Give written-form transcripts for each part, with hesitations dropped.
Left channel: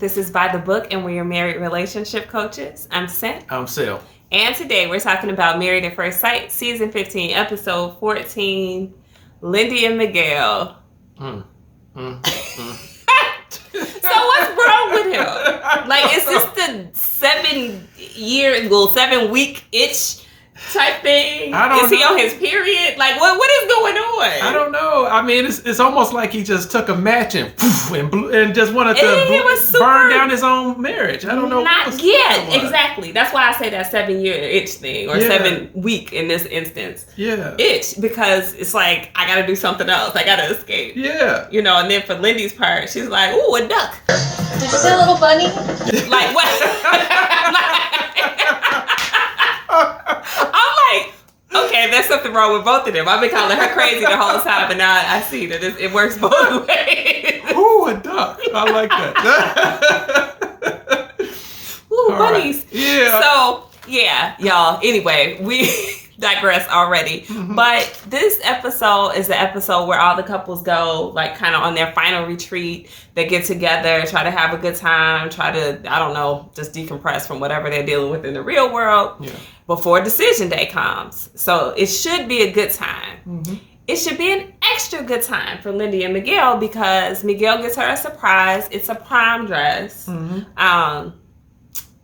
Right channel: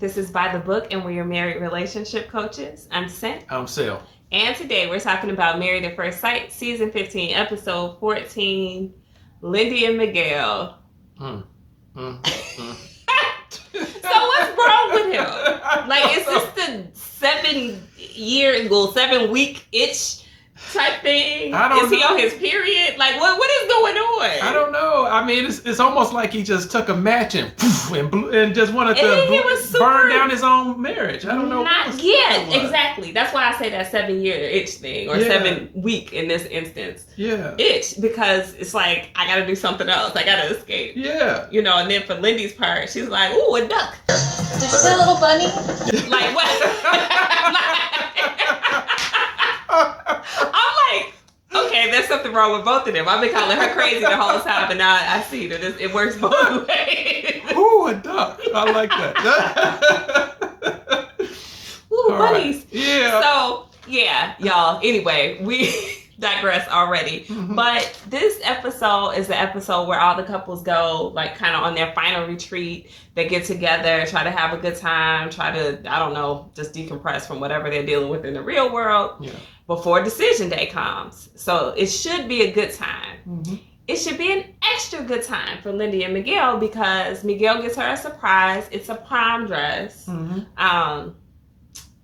This is By the Book, and we're your married relationship coaches. I'm Sent. I'm Sil. And today we're talking about Married at First Sight, Season 15, Episode 14, Lindy and Miguel. So what's wrong with him? Like, is this the 7-week itch type thing? I don't know. Is he on his period? Like, what is going on? I don't know. I mean, it's almost like he just took a match and just wanted to burn down his own marriage. I don't know. Exactly. That's why I say that 7-year itch thing, or 7 week in this instance. Yeah. Itch, because it's like, I got to do something else. I got to escape. Yeah. You know, and then for Lindy's part, she's like, ooh, a duck. Did you say a little bunny? Like, what? I'm like, okay, there's something wrong with both of them. I've been calling her crazy the whole time, but now I see that it works both ways. Ooh, a duck. I like that. Ooh, bunnies. Right. Yeah. So, yeah, y'all. Anyway, we digress already. Mm-hmm. But this episode is the episode where all the couples go, like, kind of on their final retreat. They get together, try to have a good time, try to, I don't know, just decompress from whatever they're dealing with in the real world before decision day comes. So it should be a good time. Mm-hmm. It should be an extra good time for Lindy and Miguel because Miguel gets her a surprise. It's a prom dress. Mm-hmm.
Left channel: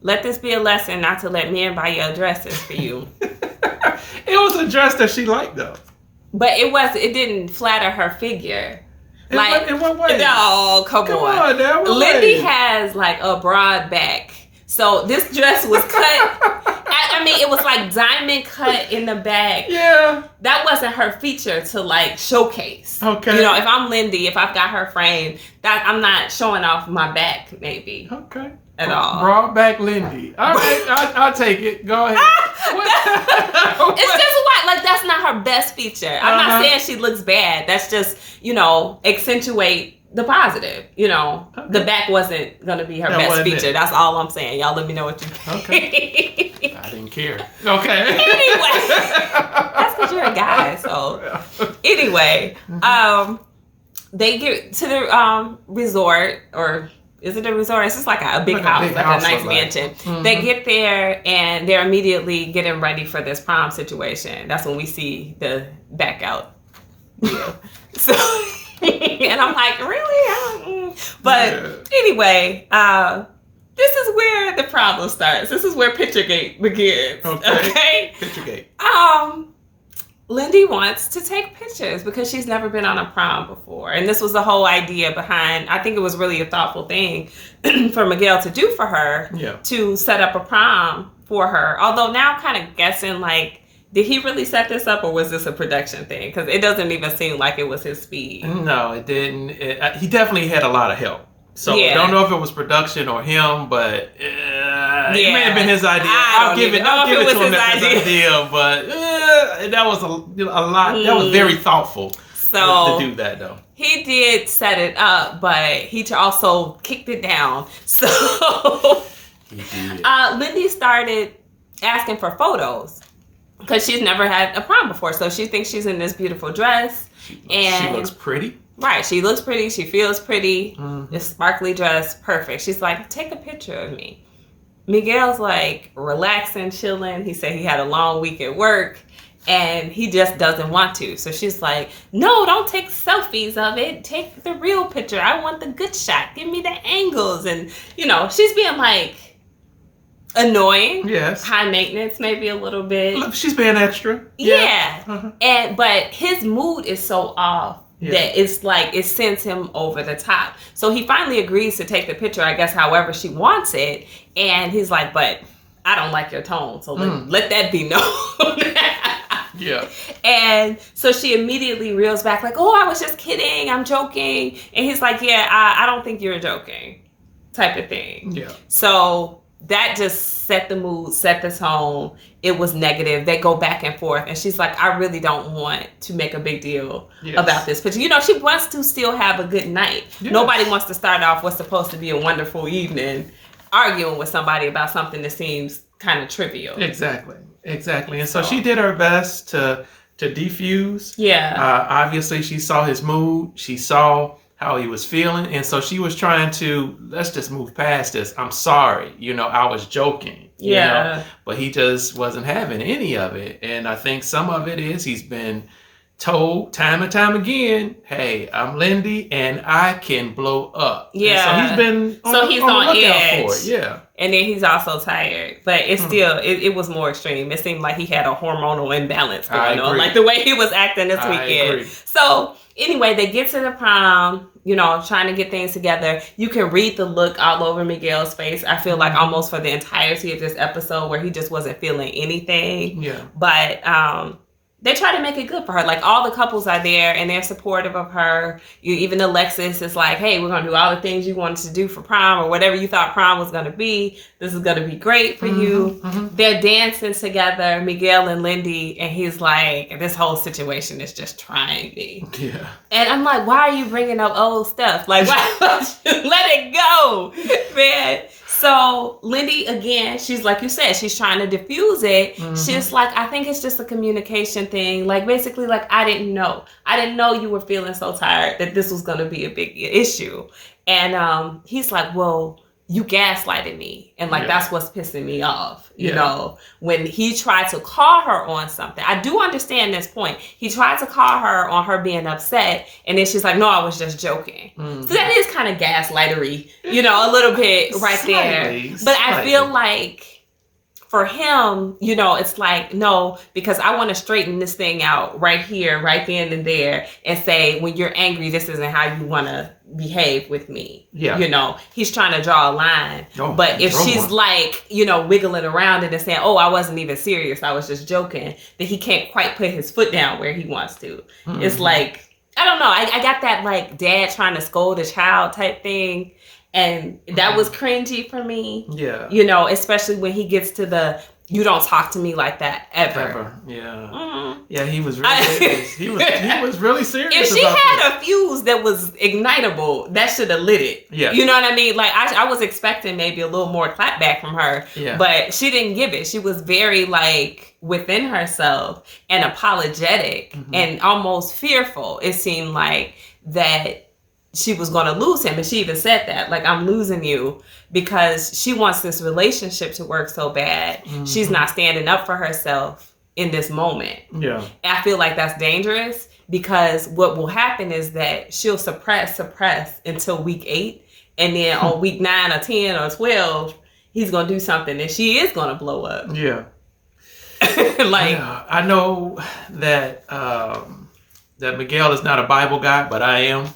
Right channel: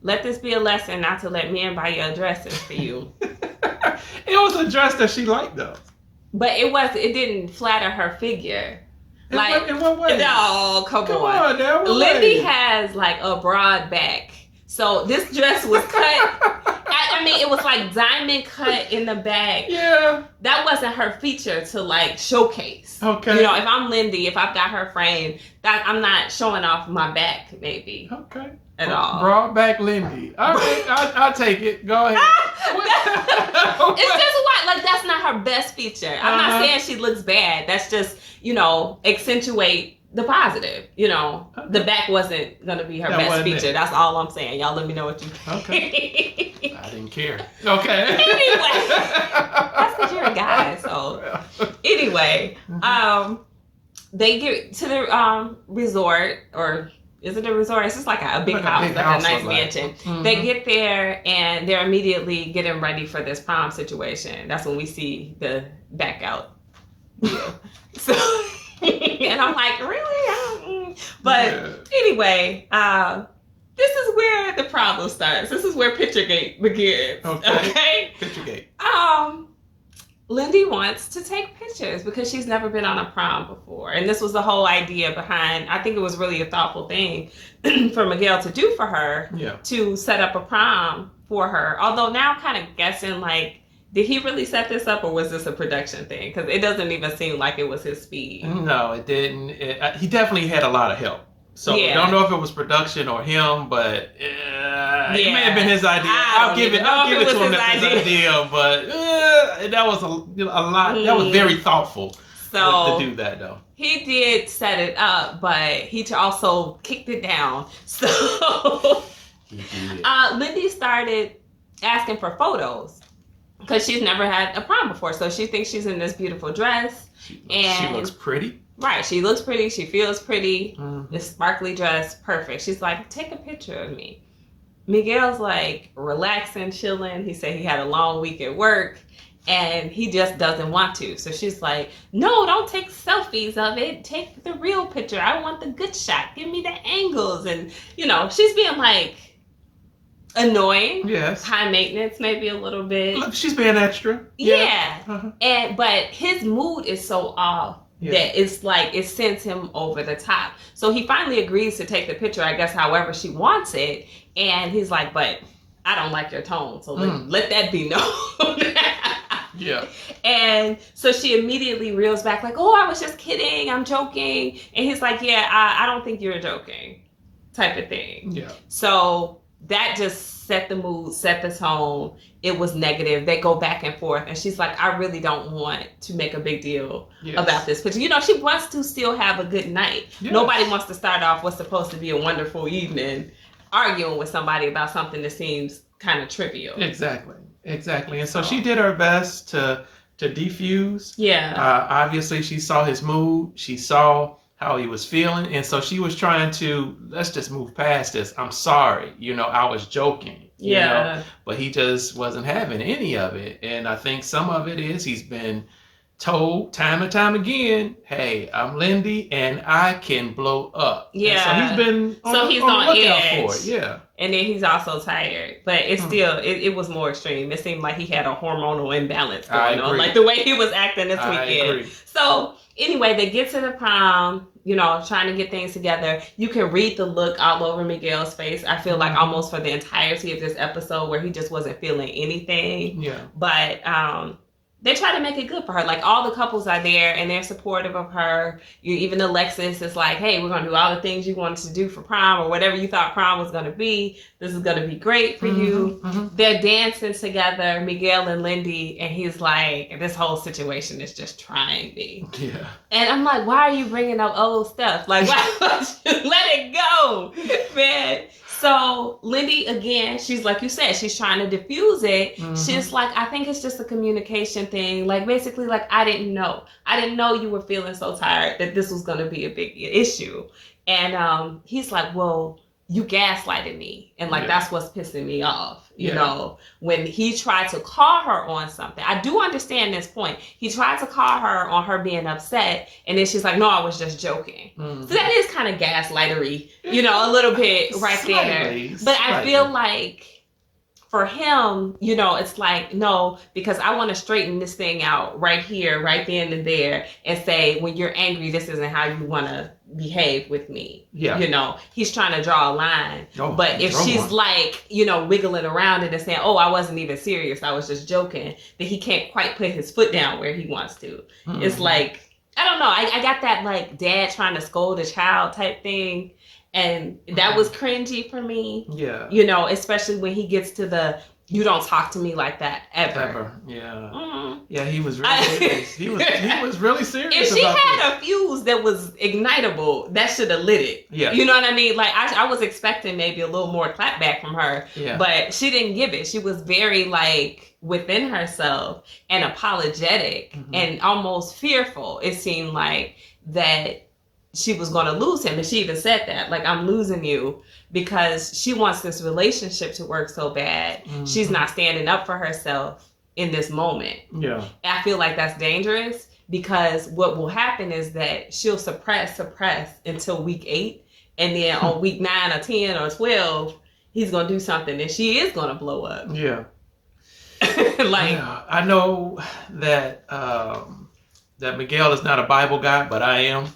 Let this be a lesson not to let men buy your dresses for you. It was a dress that she liked, though. But it didn't flatter her figure. In what way? No, come on now. Lindy has like a broad back. So this dress was cut. I mean, it was like diamond cut in the back. Yeah. That wasn't her feature to like showcase. Okay. You know, if I'm Lindy, if I've got her frame, that I'm not showing off my back, maybe. Okay. At all. Broad back Lindy. All right, I'll take it. Go ahead. It's just white. Like, that's not her best feature. I'm not saying she looks bad. That's just, you know, accentuate the positive. You know, the back wasn't going to be her best feature. That's all I'm saying. Y'all let me know what you think. Okay. I didn't care. Okay. Anyway. That's because you're a guy. So, anyway, they get to the resort, or... Is it a resort? It's just like a big house, like a nice mansion. Mm-hmm. They get there and they're immediately getting ready for this prom situation. That's when we see the back out. So, and I'm like, really? But anyway, this is where the problem starts. This is where Picturegate begins. Okay? Picturegate. Lindy wants to take pictures because she's never been on a prom before. And this was the whole idea behind, I think it was really a thoughtful thing for Miguel to do for her, to set up a prom for her. Although now I'm kind of guessing, like, did he really set this up or was this a production thing? Because it doesn't even seem like it was his speed. No, it didn't. He definitely had a lot of help. So I don't know if it was production or him, but it may have been his idea. I'll give it to him that his idea, but that was a lot. That was very thoughtful to do that, though. He did set it up, but he also kicked it down. So he did. Lindy started asking for photos because she's never had a prom before. So she thinks she's in this beautiful dress. She looks pretty. Right, she looks pretty, she feels pretty, this sparkly dress, perfect. She's like, take a picture of me. Miguel's like relaxing, chilling. He said he had a long week at work and he just doesn't want to. So she's like, no, don't take selfies of it. Take the real picture. I want the good shot. Give me the angles. And, you know, she's being like annoying. Yes. High maintenance, maybe a little bit. Look, she's being extra. Yeah. But his mood is so off. That it's like, it sends him over the top. So he finally agrees to take the picture, I guess, however she wants it. And he's like, but I don't like your tone. So let that be known. And so she immediately reels back like, oh, I was just kidding. I'm joking. And he's like, I don't think you're joking type of thing. Yeah. So that just set the mood, set the tone. It was negative. They go back and forth. And she's like, I really don't want to make a big deal about this picture. You know, she wants to still have a good night. Yes. Nobody wants to start off what's supposed to be a wonderful evening arguing with somebody about something that seems kind of trivial. Exactly. And so she did her best to defuse. Yeah. Obviously, she saw his mood. She saw how he was feeling. And so she was trying to, let's just move past this. I'm sorry. I was joking. But he just wasn't having any of it. And I think some of it is he's been told time and time again, hey, I'm Lindy and I can blow up. Yeah. And so he's been on the lookout for it. Yeah. And then he's also tired. But it's still, it was more extreme. It seemed like he had a hormonal imbalance going on. Like the way he was acting this weekend. I agree. So anyway, they get to the prom, trying to get things together. You can read the look all over Miguel's face. I feel like almost for the entirety of this episode where he just wasn't feeling anything. Yeah. But they try to make it good for her. Like, all the couples are there and they're supportive of her. Even Alexis is like, hey, we're going to do all the things you wanted to do for prom or whatever you thought prom was going to be. This is going to be great for you. They're dancing together, Miguel and Lindy, and he's like, this whole situation is just trying me. Yeah. And I'm like, why are you bringing up old stuff? Like, why don't you let it go, man? So Lindy, again, she's like you said, she's trying to diffuse it. She's like, I think it's just a communication thing. Like, basically, like, I didn't know you were feeling so tired that this was going to be a big issue. And he's like, well, you gaslighted me. And like, that's what's pissing me off. You know, when he tried to call her on something. I do understand this point. He tried to call her on her being upset. And then she's like, no, I was just joking. So that is kind of gaslightery, a little bit right there. But I feel like for him, it's like, no, because I want to straighten this thing out right here, right then and there, and say, when you're angry, this isn't how you want to behave with me. Yeah. He's trying to draw a line. But if she's like, wiggling around it and saying, oh, I wasn't even serious, I was just joking, then he can't quite put his foot down where he wants to. It's like, I don't know. I got that like dad trying to scold a child type thing. And that was cringy for me. Yeah. Especially when he gets to the, you don't talk to me like that ever. Yeah. Yeah, he was really serious. He was really serious if she had a fuse that was ignitable, that should have lit it. Yeah. You know what I mean? Like, I was expecting maybe a little more clapback from her. Yeah. But she didn't give it. She was very, like, within herself and apologetic and almost fearful. It seemed like that she was going to lose him. And she even said that, like, I'm losing you because she wants this relationship to work so bad. She's not standing up for herself in this moment. Yeah. And I feel like that's dangerous because what will happen is that she'll suppress until week 8. And then on week 9 or 10 or 12, he's going to do something and she is going to blow up. Yeah. I know that, that Miguel is not a Bible guy, but I am.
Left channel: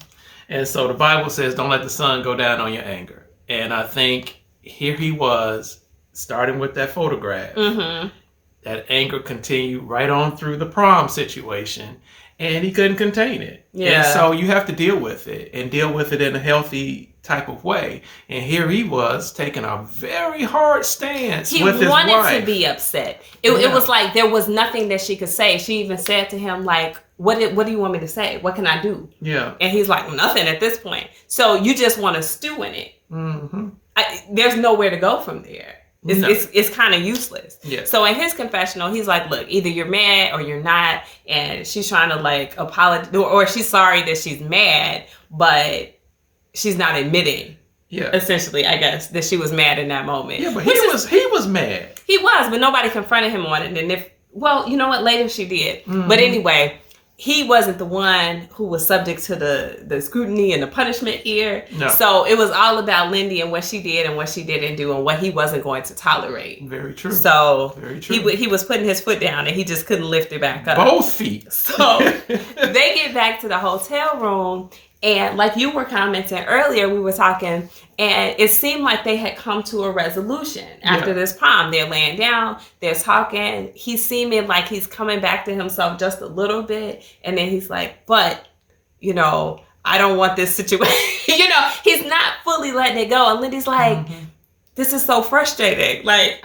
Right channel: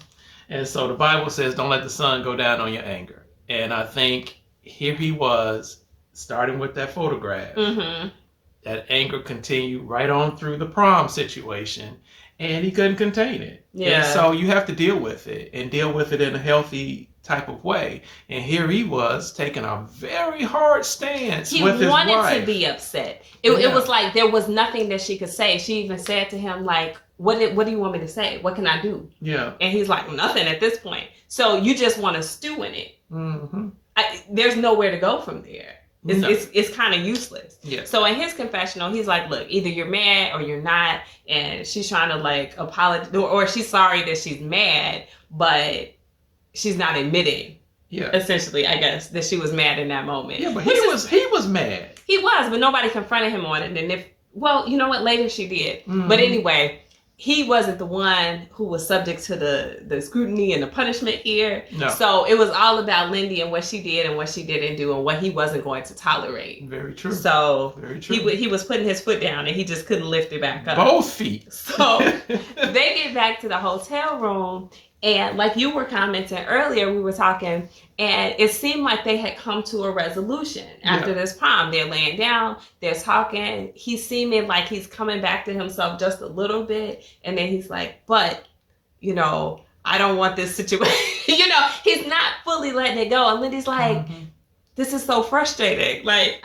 And so the Bible says, don't let the sun go down on your anger. And I think here he was, starting with that photograph. That anger continued right on through the prom situation. And he couldn't contain it. Yeah. And so you have to deal with it and deal with it in a healthy type of way. And here he was taking a very hard stance with his wife. He wanted to be upset. It was like there was nothing that she could say. She even said to him, like, what do you want me to say? What can I do? Yeah. And he's like, nothing at this point. So you just want to stew in it. There's nowhere to go from there. It's kind of useless. Yeah. So in his confessional, he's like, look, either you're mad or you're not. And she's trying to like apologize, or she's sorry that she's mad, but she's not admitting. Yeah. Essentially, I guess, that she was mad in that moment. Yeah, but he was mad. He was, but nobody confronted him on it. And you know what? Later she did. But anyway, he wasn't the one who was subject to the scrutiny and the punishment here. No. So it was all about Lindy and what she did and what she didn't do and what he wasn't going to tolerate. Very true. So very true. He was putting his foot down and he just couldn't lift it back up. Both feet. So they get back to the hotel room. And like you were commenting earlier, we were talking, and it seemed like they had come to a resolution after this prom. They're laying down, they're talking. He's seeming like he's coming back to himself just a little bit. And then he's like, but, I don't want this situation. He's not fully letting it go. And Lindy's like, this is so frustrating. Like,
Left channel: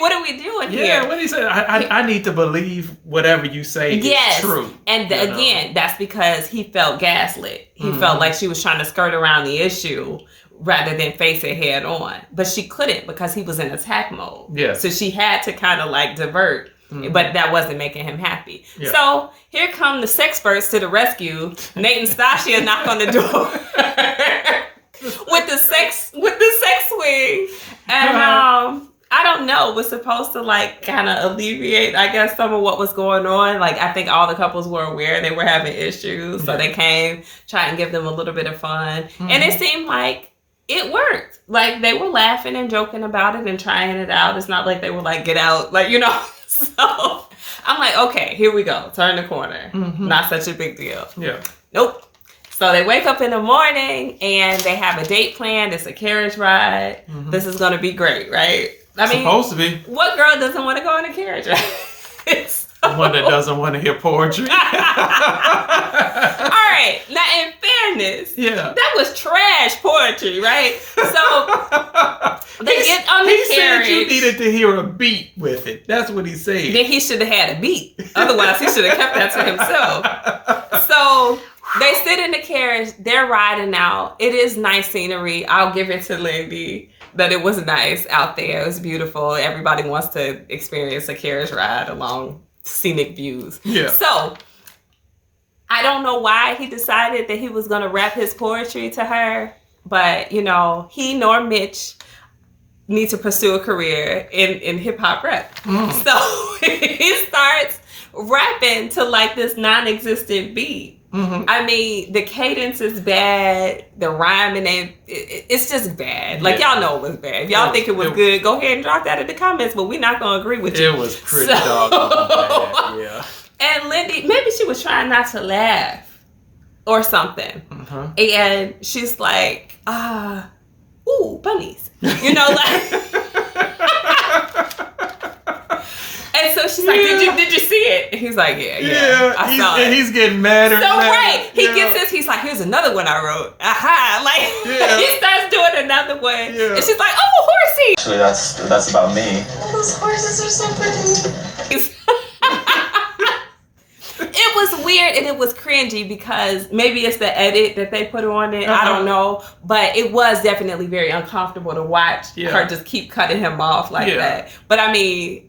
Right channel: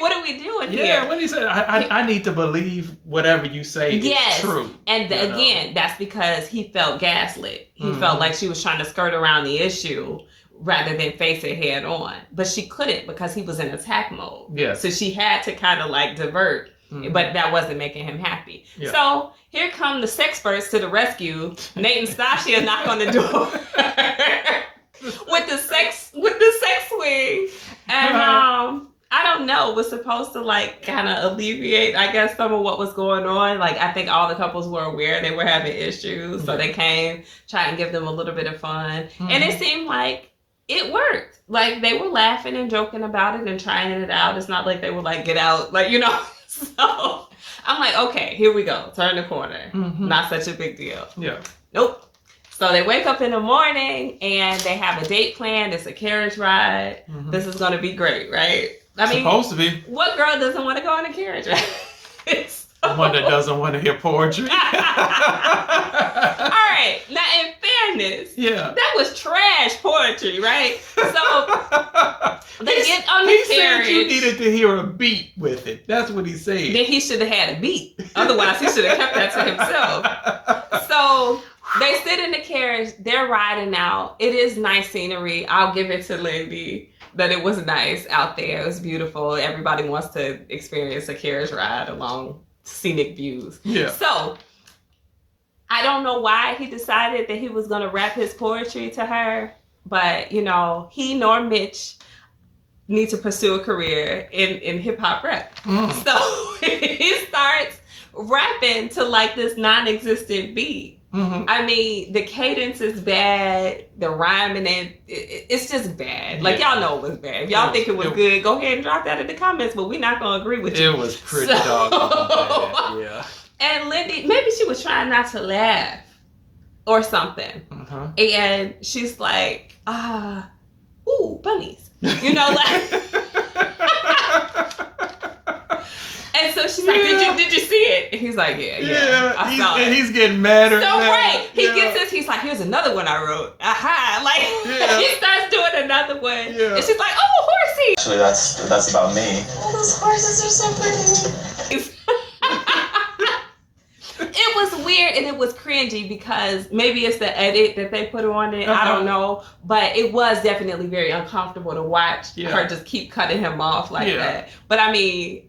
what are we doing here? Yeah, when he said, I need to believe whatever you say is true. And again, that's because he felt gaslit. He felt like she was trying to skirt around the issue rather than face it head on. But she couldn't because he was in attack mode. Yeah. So she had to kind of like divert but that wasn't making him happy. Yeah. So here come the sexperts to the rescue. Nate and Stacia knock on the door with the sex swing, and I don't know, was supposed to like kind of alleviate, I guess, some of what was going on. Like, I think all the couples were aware they were having issues, so they came, trying to give them a little bit of fun, and it seemed like it worked. Like, they were laughing and joking about it and trying it out. It's not like they were like, get out, like, you know. So I'm like, okay, here we go. Turn the corner. Not such a big deal. Yeah. Nope. So they wake up in the morning and they have a date planned. It's a carriage ride. This is going to be great, right? I mean, supposed to be. What girl doesn't want to go on a carriage ride? One that doesn't want to hear poetry. All right. Now, in fairness, that was trash poetry, right? So they get on the carriage. He said you needed to hear a beat with it. That's what he said. Then he should have had a beat. Otherwise, he should have kept that to himself. So they sit in the carriage. They're riding out. It is nice scenery. I'll give it to Lindy that it was nice out there. It was beautiful. Everybody wants to experience a carriage ride along scenic views. Yeah. So I don't know why he decided that he was going to rap his poetry to her, but you know, he nor Mitch need to pursue a career in hip hop rap. So he starts rapping to like this non-existent beat. I mean, the cadence is bad. The rhyming, it's just bad. Like, y'all know it was bad. If y'all think it was good, go ahead and drop that in the comments, but we're not going to agree with you. It was pretty doggone bad, yeah. And Lindy, maybe she was trying not to laugh or something. And she's like, ooh, bunnies. You know, like... And so she's like, did you see it? And he's like, yeah. I saw it. And he's getting madder. So right, he gets this. He's like, here's another one I wrote. Aha! Like he starts doing another one, and she's like, oh, horsey. Actually, that's about me. Oh, those horses are so pretty. It was weird and it was cringy because maybe it's the edit that they put on it. I don't know, but it was definitely very uncomfortable to watch her just keep cutting him off like that. But I mean,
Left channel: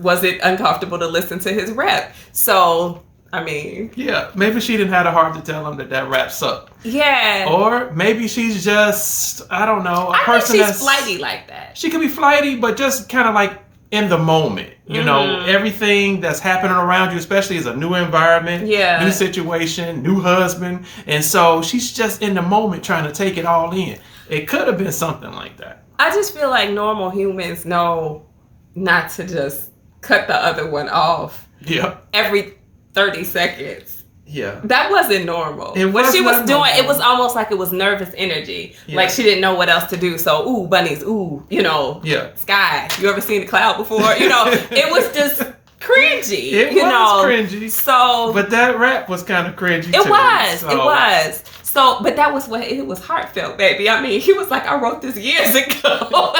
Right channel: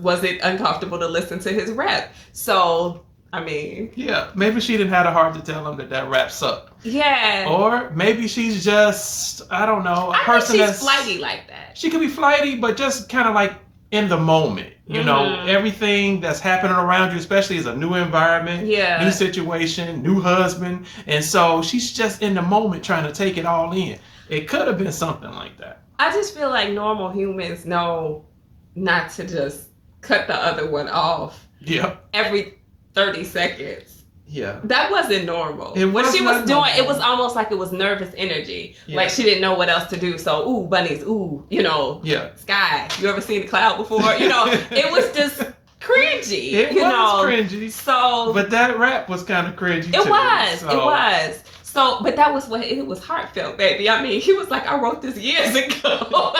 was it uncomfortable to listen to his rap? So, I mean... Yeah, maybe she didn't have the heart to tell him that rap sucked. Yeah. Or maybe she's just, I don't know, a person think she's flighty like that. She could be flighty, but just kind of like in the moment. You know, everything that's happening around you, especially is a new environment, new situation, new husband. And so she's just in the moment trying to take it all in. It could have been something like that. I just feel like normal humans know not to just cut the other one off every 30 seconds. Yeah. That wasn't normal. What she was doing, it was almost like it was nervous energy. Yeah. Like she didn't know what else to do. So, ooh, bunnies, ooh, you know, sky. You ever seen a cloud before? You know, it was just cringy. It was cringy. So, but that rap was kind of cringy too. It was. So, but that was what it was heartfelt, baby. I mean, he was like, I wrote this years ago.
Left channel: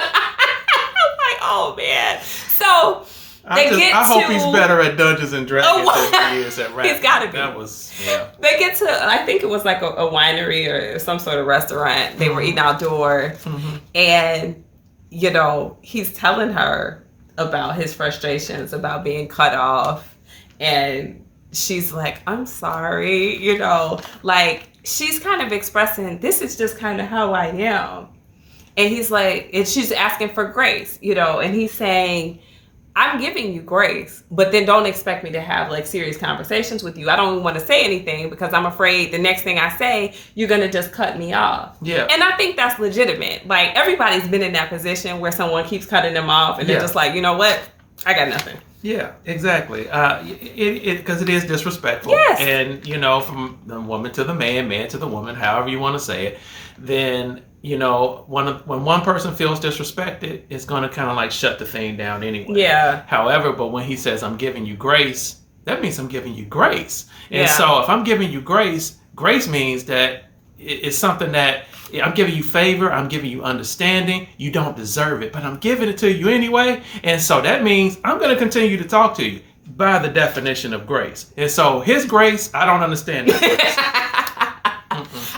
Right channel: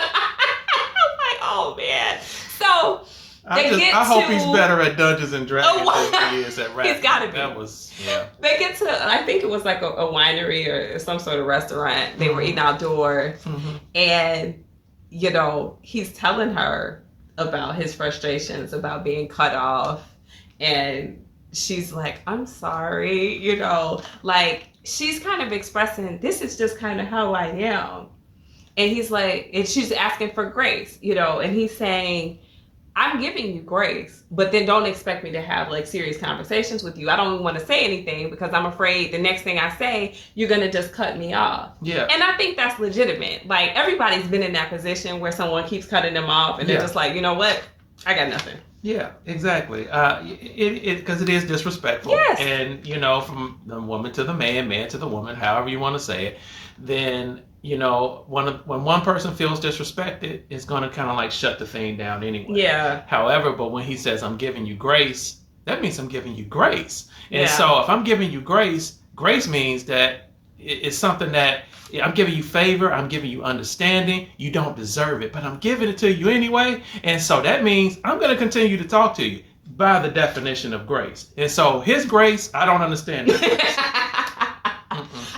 Oh man! So I hope he's better at Dungeons and Dragons than he is at rap. He's got to be. That was They get to, I think it was like a winery or some sort of restaurant. They were eating outdoors, and you know he's telling her about his frustrations about being cut off, and she's like, "I'm sorry," you know, like she's kind of expressing, "This is just kind of how I am." And he's like, and she's asking for grace, you know, and he's saying, I'm giving you grace, but then don't expect me to have like serious conversations with you. I don't want to say anything because I'm afraid the next thing I say, you're going to just cut me off. Yeah. And I think that's legitimate. Like everybody's been in that position where someone keeps cutting them off and they're just like, you know what? I got nothing. Yeah, exactly. Because it is disrespectful. Yes. And, you know, from the woman to the man to the woman, however you want to say it, then, you know, when one person feels disrespected, it's going to kind of like shut the thing down anyway. Yeah. However, but when he says, I'm giving you grace, that means I'm giving you grace. And so if I'm giving you grace means that it's something that I'm giving you favor, I'm giving you understanding, you don't deserve it, but I'm giving it to you anyway. And so that means I'm going to continue to talk to you by the definition of grace. And so his grace, I don't understand that grace.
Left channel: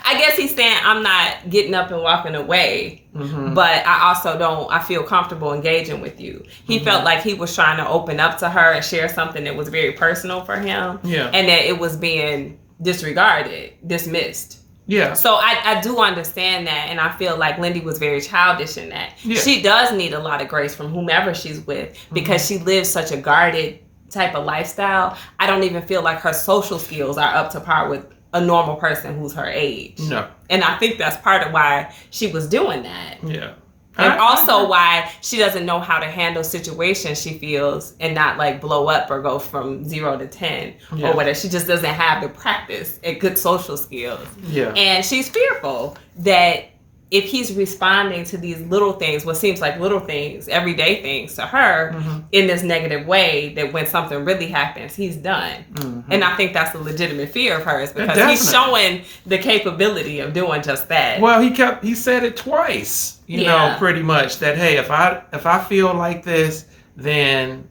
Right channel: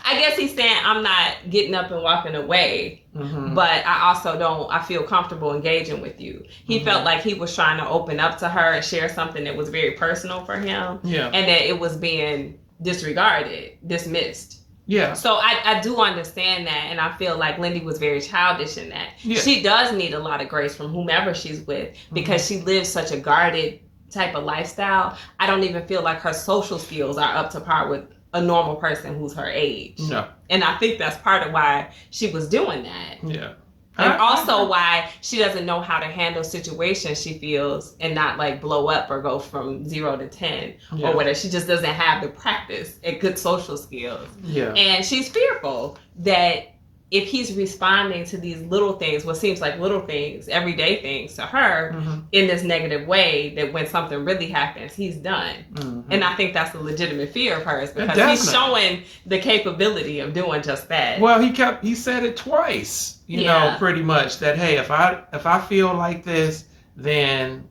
I guess he's saying, I'm not getting up and walking away, but I feel comfortable engaging with you. He felt like he was trying to open up to her and share something that was very personal for him. Yeah. And that it was being disregarded, dismissed. Yeah. So I do understand that, and I feel like Lindy was very childish in that. Yeah. She does need a lot of grace from whomever she's with because she lives such a guarded type of lifestyle. I don't even feel like her social skills are up to par with a normal person who's her age. No. And I think that's part of why she was doing that. Yeah. And also why she doesn't know how to handle situations, she feels, and not like blow up or go from 0 to 10 or whatever. She just doesn't have the practice and good social skills. Yeah. And she's fearful that if he's responding to these little things, what seems like little things, everyday things to her in this negative way, that when something really happens, he's done. And I think that's a legitimate fear of hers because he's showing the capability of doing just that. Well, he said it twice, you know, pretty much that, hey, if I feel like this, then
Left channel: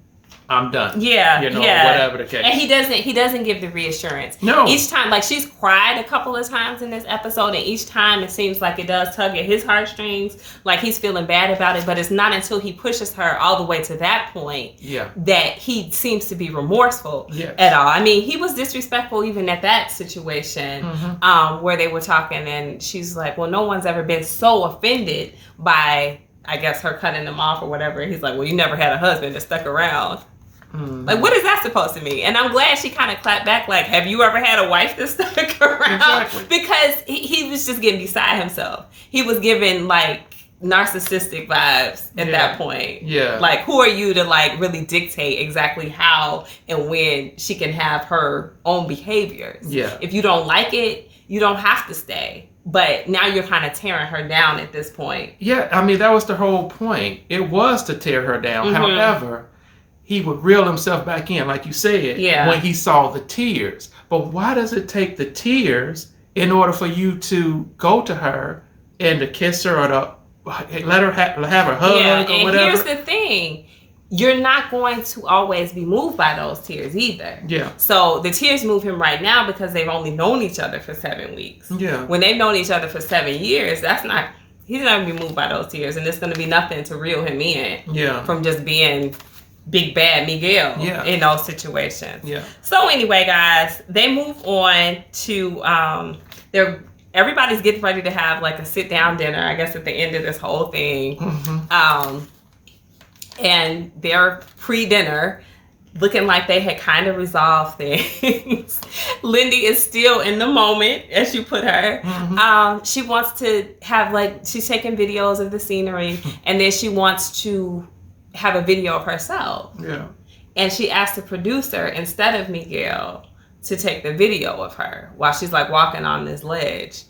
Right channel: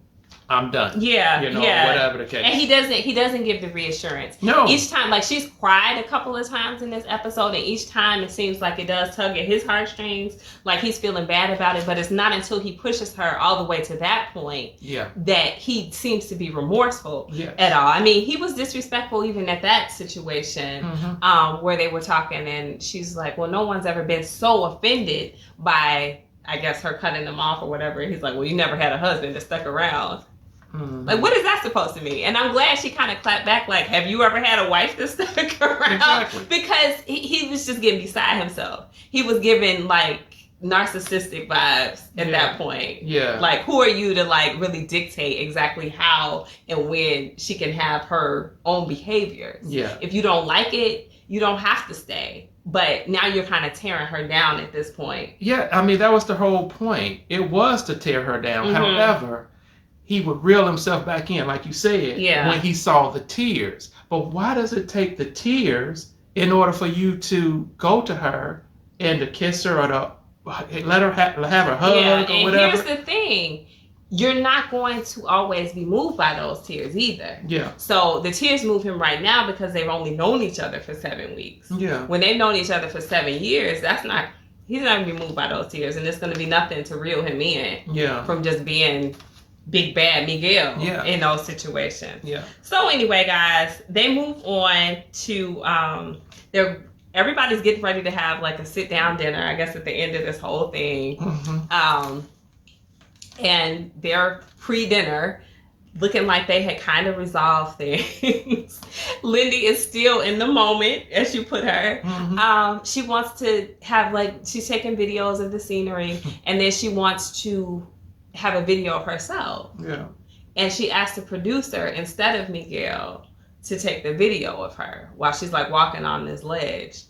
I'm done. Yeah. You know, whatever the case. And he doesn't give the reassurance. No. Each time, like she's cried a couple of times in this episode, and each time it seems like it does tug at his heartstrings, like he's feeling bad about it, but it's not until he pushes her all the way to that point that he seems to be remorseful at all. I mean, he was disrespectful even at that situation where they were talking, and she's like, well, no one's ever been so offended by, I guess, her cutting him off or whatever. And he's like, well, you never had a husband that stuck around. Like, what is that supposed to mean? And I'm glad she kind of clapped back, like, have you ever had a wife that stuck around? Exactly. Because he was just getting beside himself. He was giving, like, narcissistic vibes at that point. Yeah. Like, who are you to, like, really dictate exactly how and when she can have her own behaviors? Yeah. If you don't like it, you don't have to stay. But now you're kind of tearing her down at this point. Yeah, I mean, that was the whole point. It was to tear her down. However, he would reel himself back in, like you said, when he saw the tears. But why does it take the tears in order for you to go to her and to kiss her or to let her have her hug or whatever? Here's the thing. You're not going to always be moved by those tears either. Yeah. So the tears move him right now because they've only known each other for 7 weeks. Yeah. When they've known each other for 7 years, he's not going to be moved by those tears, and it's going to be nothing to reel him in from just being big bad Miguel in those situations. Yeah. So anyway, guys, they move on to everybody's getting ready to have like a sit down dinner, I guess, at the end of this whole thing. And they're pre-dinner, looking like they had kind of resolved things. Lindy is still in the moment, as you put her. She wants to have, like, she's taking videos of the scenery, and then she wants to have a video of herself. Yeah. And she asked the producer, instead of Miguel, to take the video of her while she's like walking on this ledge.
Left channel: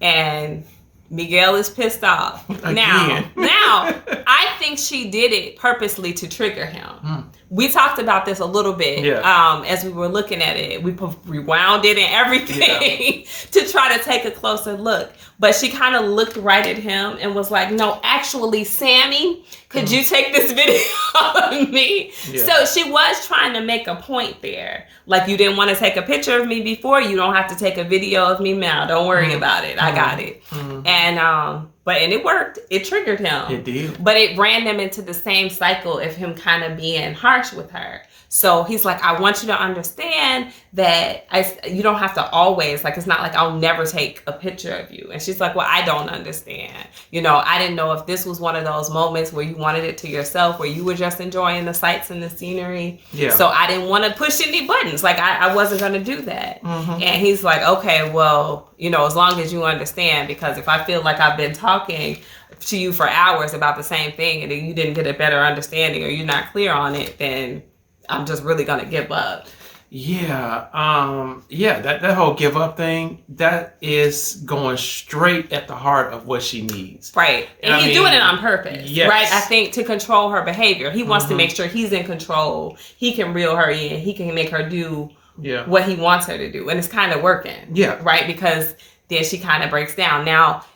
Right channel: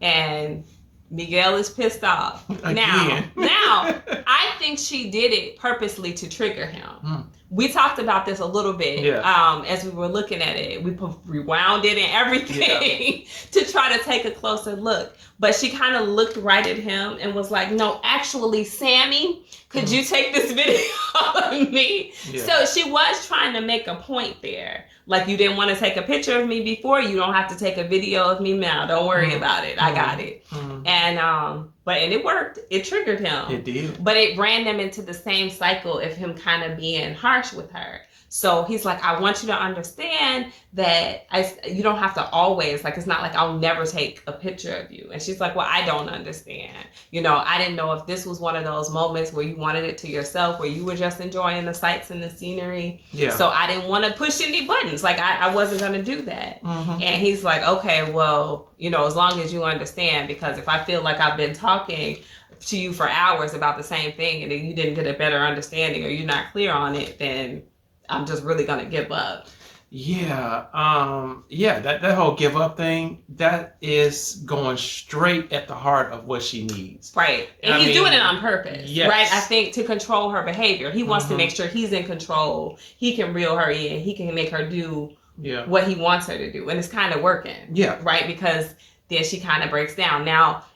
And Miguel is pissed off. Now, I think she did it purposely to trigger him. We talked about this a little bit as we were looking at it. We rewound it and everything to try to take a closer look. But she kind of looked right at him and was like, no, actually, Sammy, could you take this video of me? Yeah. So she was trying to make a point there. Like, you didn't want to take a picture of me before, you don't have to take a video of me now. Don't worry about it. I got it. And it worked. It triggered him. It did. But it ran them into the same cycle of him kind of being harsh with her. So he's like, I want you to understand that you don't have to always, like, it's not like I'll never take a picture of you. And she's like, well, I don't understand. You know, I didn't know if this was one of those moments where you wanted it to yourself, where you were just enjoying the sights and the scenery. Yeah. So I didn't want to push any buttons. Like, I wasn't going to do that. And he's like, okay, well, you know, as long as you understand, because if I feel like I've been talking to you for hours about the same thing and then you didn't get a better understanding or you're not clear on it, then I'm just really gonna give up. Yeah, that whole give up thing, that is going straight at the heart of what she needs. Right, and he's doing it on purpose. Yes. Right, I think to control her behavior. He wants to make sure he's in control. He can reel her in. He can make her do what he wants her to do, and it's kind of working. Yeah, right, because then she kind of breaks down. Now,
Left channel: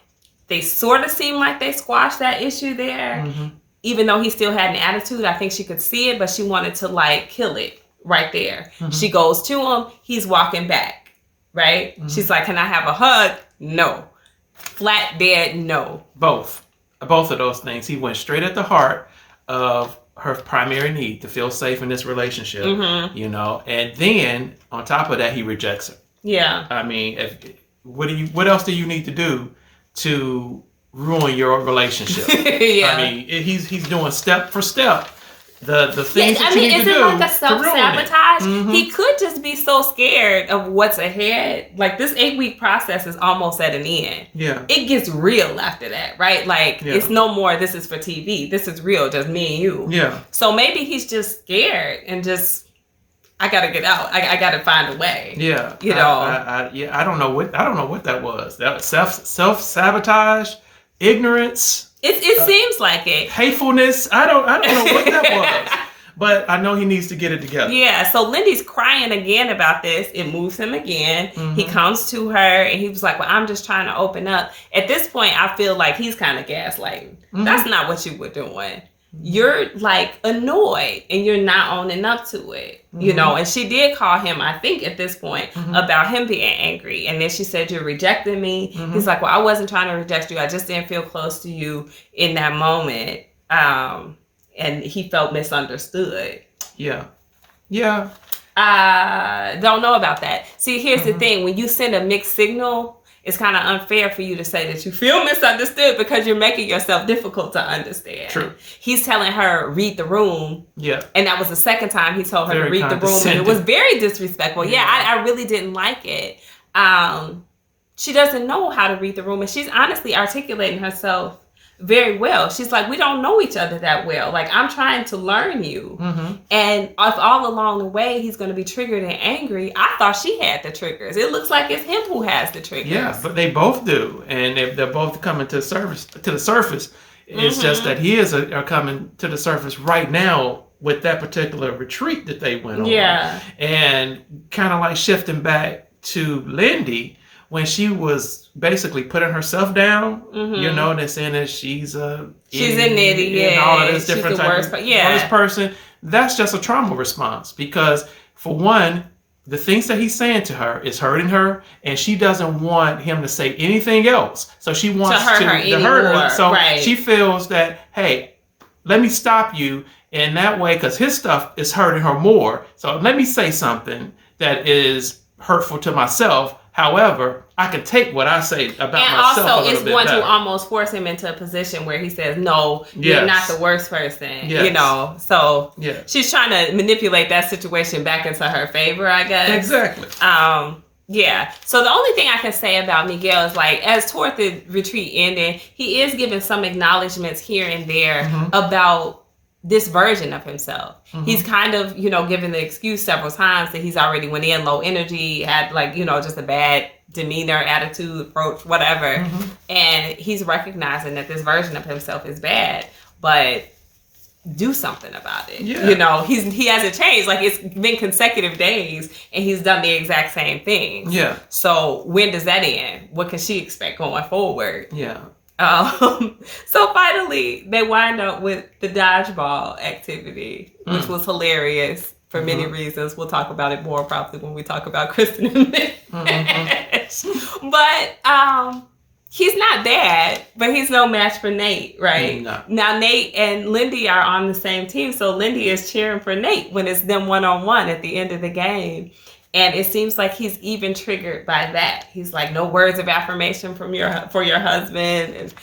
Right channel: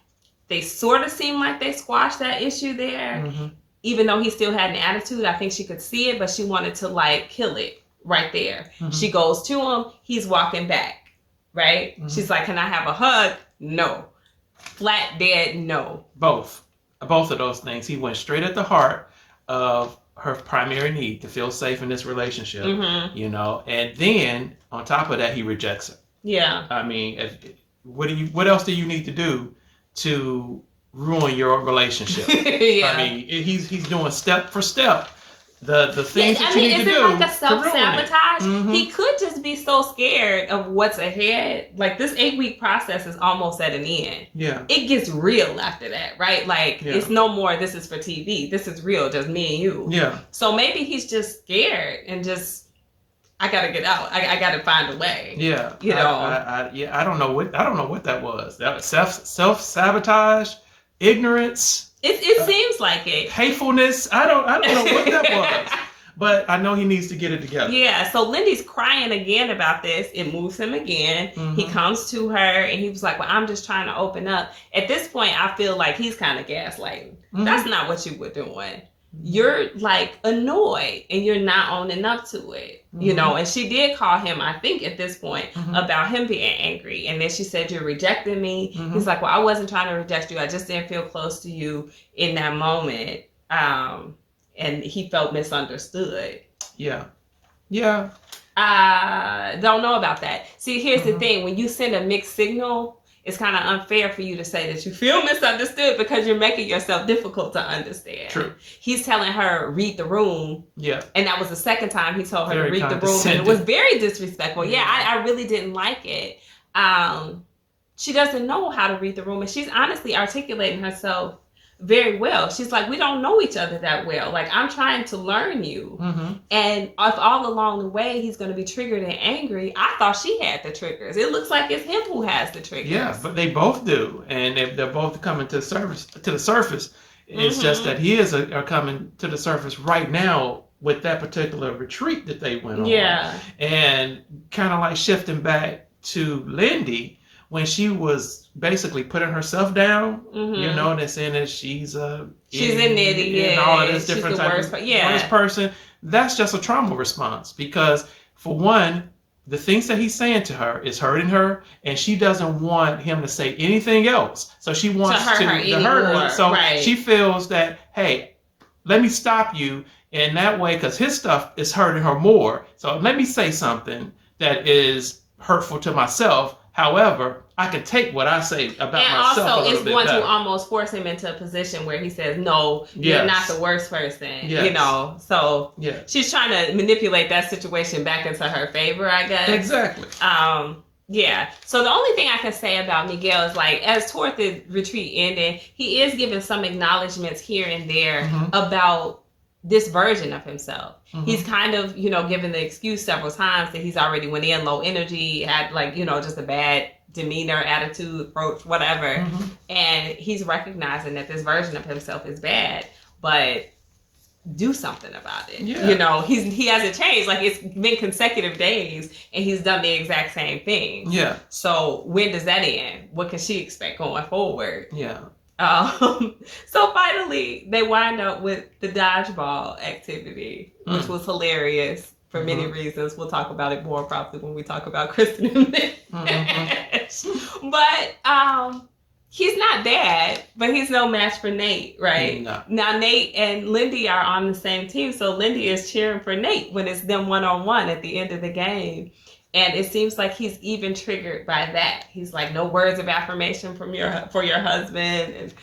they sort of seem like they squashed that issue there. Even though he still had an attitude, I think she could see it, but she wanted to, like, kill it right there. She goes to him. He's walking back, right? She's like, can I have a hug? No. flat dead no. Both of those things. He went straight at the heart of her primary need to feel safe in this relationship, you know, and then on top of that, he rejects her. Yeah. I mean, what else do you need to do to ruin your relationship? Yeah. I mean, he's doing step for step the things that you need to do like a self-sabotage? He could just be so scared of what's ahead. Like, this 8-week process is almost at an end. Yeah. It gets real after that, right? Like, it's no more, this is for TV. This is real, just me and you. Yeah. So maybe he's just scared and just, I gotta get out. I gotta find a way. Yeah. You know. I don't know what that was. That self-sabotage, ignorance. It seems like it. Hatefulness. I don't know what that was. But I know he needs to get it together. Yeah, so Lindy's crying again about this. It moves him again. He comes to her and he was like, well, I'm just trying to open up. At this point, I feel like he's kind of gaslighting. That's not what you were doing. You're like annoyed and you're not owning up to it, you know. And she did call him, I think at this point, about him being angry. And then she said, you're rejecting me. He's like, well, I wasn't trying to reject you. I just didn't feel close to you in that moment. And he felt misunderstood. Yeah. Yeah. Don't know about that. See, here's the thing. When you send a mixed signal, it's kind of unfair for you to say that you feel misunderstood because you're making yourself difficult to understand. True. He's telling her, read the room. Yeah. And that was the second time he told her Very to read the room. And it was very disrespectful. Yeah, I really didn't like it. She doesn't know how to read the room. And she's honestly articulating herself very well. She's like, we don't know each other that well. Like, I'm trying to learn you. And if all along the way he's going to be triggered and angry, I thought she had the triggers. It looks like it's him who has the triggers. Yeah, but they both do. And they're both coming to the surface. It's just that his are coming to the surface right now with that particular retreat that they went on. Yeah. And kind of like shifting back to Lindy, when she was basically putting herself down, you know, and saying that she's a idiot, and all of this different type of worst person, that's just a trauma response. Because for one, the things that he's saying to her is hurting her, and she doesn't want him to say anything else. So she wants to hurt her. So she feels that, hey, let me stop you in that way because his stuff is hurting her more. So let me say something that is hurtful to myself. However, I can take what I say about myself a little bit better. And also, it's going to almost force him into a position where he says, no, you're not the worst person, you know. So she's trying to manipulate that situation back into her favor, I guess. Exactly. Yeah. So the only thing I can say about Miguel is, like, as toward the retreat ending, he is giving some acknowledgments here and there about this version of himself. He's kind of, you know, given the excuse several times that he's already went in low energy, had, like, you know, just a bad demeanor, attitude, approach, whatever. And he's recognizing that this version of himself is bad, but do something about it. You know, he hasn't changed. Like, it's been consecutive days and he's done the exact same thing. Yeah. So when does that end? What can she expect going forward? Yeah. So finally, they wind up with the dodgeball activity, which was hilarious for many reasons. We'll talk about it more probably when we talk about Kristen and Mitch. But he's not bad, but he's no match for Nate, right? No. Now, Nate and Lindy are on the same team, so Lindy is cheering for Nate when it's them one-on-one at the end of the game. And it seems like he's even triggered by that. He's like, no words of affirmation for your husband.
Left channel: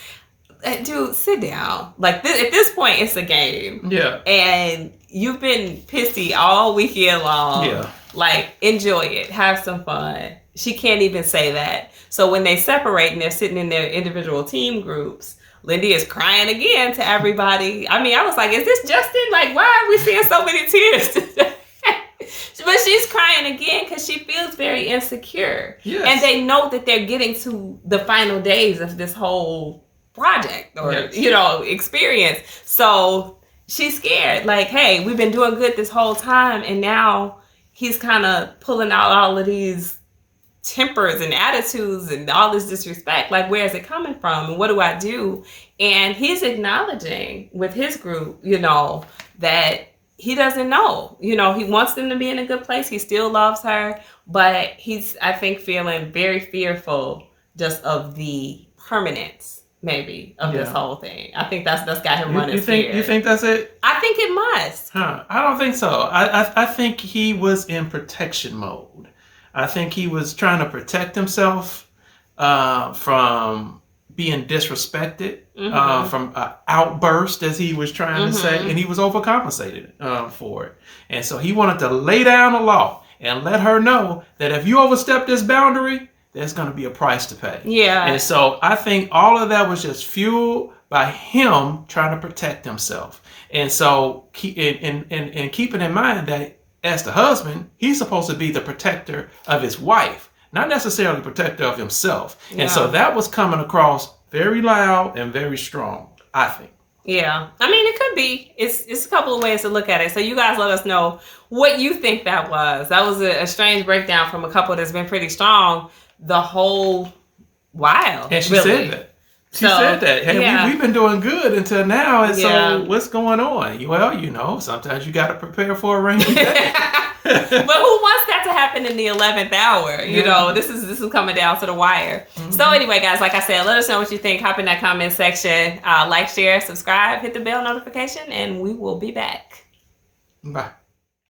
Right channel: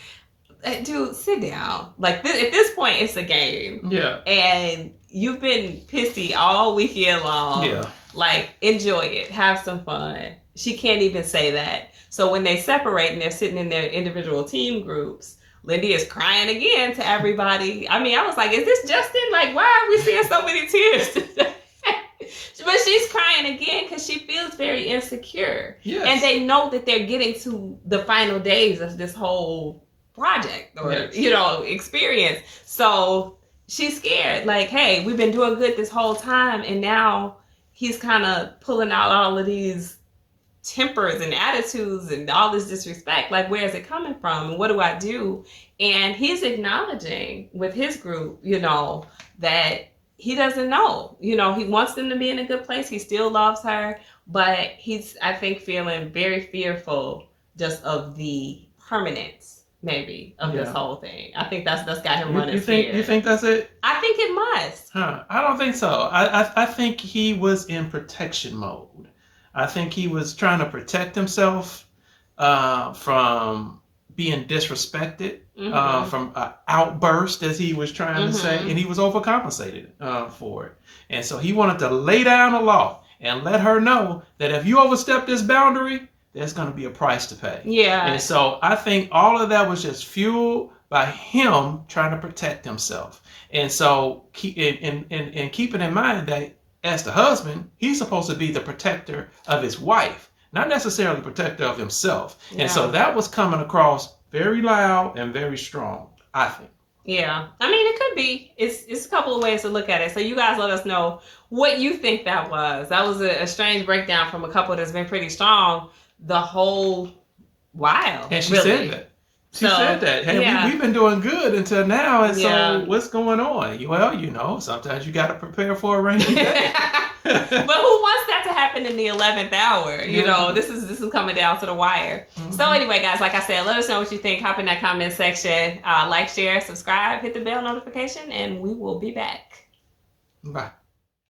And dude, sit down. Like, at this point, it's a game. Yeah. And you've been pissy all weekend long. Yeah. Like, enjoy it. Have some fun. She can't even say that. So when they separate and they're sitting in their individual team groups, Lindy is crying again to everybody. I mean, I was like, is this Justin? Like, why are we seeing so many tears today? But she's crying again because she feels very insecure. Yes. And they know that they're getting to the final days of this whole project or, you know, experience. So she's scared. Like, hey, we've been doing good this whole time. And now he's kind of pulling out all of these tempers and attitudes and all this disrespect. Like, where is it coming from? And what do I do? And he's acknowledging with his group, you know, that he doesn't know. You know, he wants them to be in a good place. He still loves her, but he's, I think, feeling very fearful just of the permanence, maybe, of this whole thing. I think that's got him running. You think that's it? I think it must. I don't think so. I think he was in protection mode. I think he was trying to protect himself from being disrespected, from an outburst, as he was trying to say, and he was overcompensated for it. And so he wanted to lay down the law and let her know that if you overstep this boundary, there's going to be a price to pay. Yeah. And so I think all of that was just fueled by him trying to protect himself. And so keeping in mind that as the husband, he's supposed to be the protector of his wife, not necessarily protector of himself. Yeah. And so that was coming across very loud and very strong, I think. Yeah. I mean, it could be. It's a couple of ways to look at it. So you guys let us know what you think that was. That was a strange breakdown from a couple that's been pretty strong the whole while. And she said that. She said that. Hey, we've been doing good until now. And so what's going on? Well, sometimes you got to prepare for a rainy day. But who wants that to happen in the 11th hour? You know, this is coming down to the wire. So anyway, guys, like I said, let us know what you think. Hop in that comment section. Like, share, subscribe, hit the bell notification, and we will be back. Bye.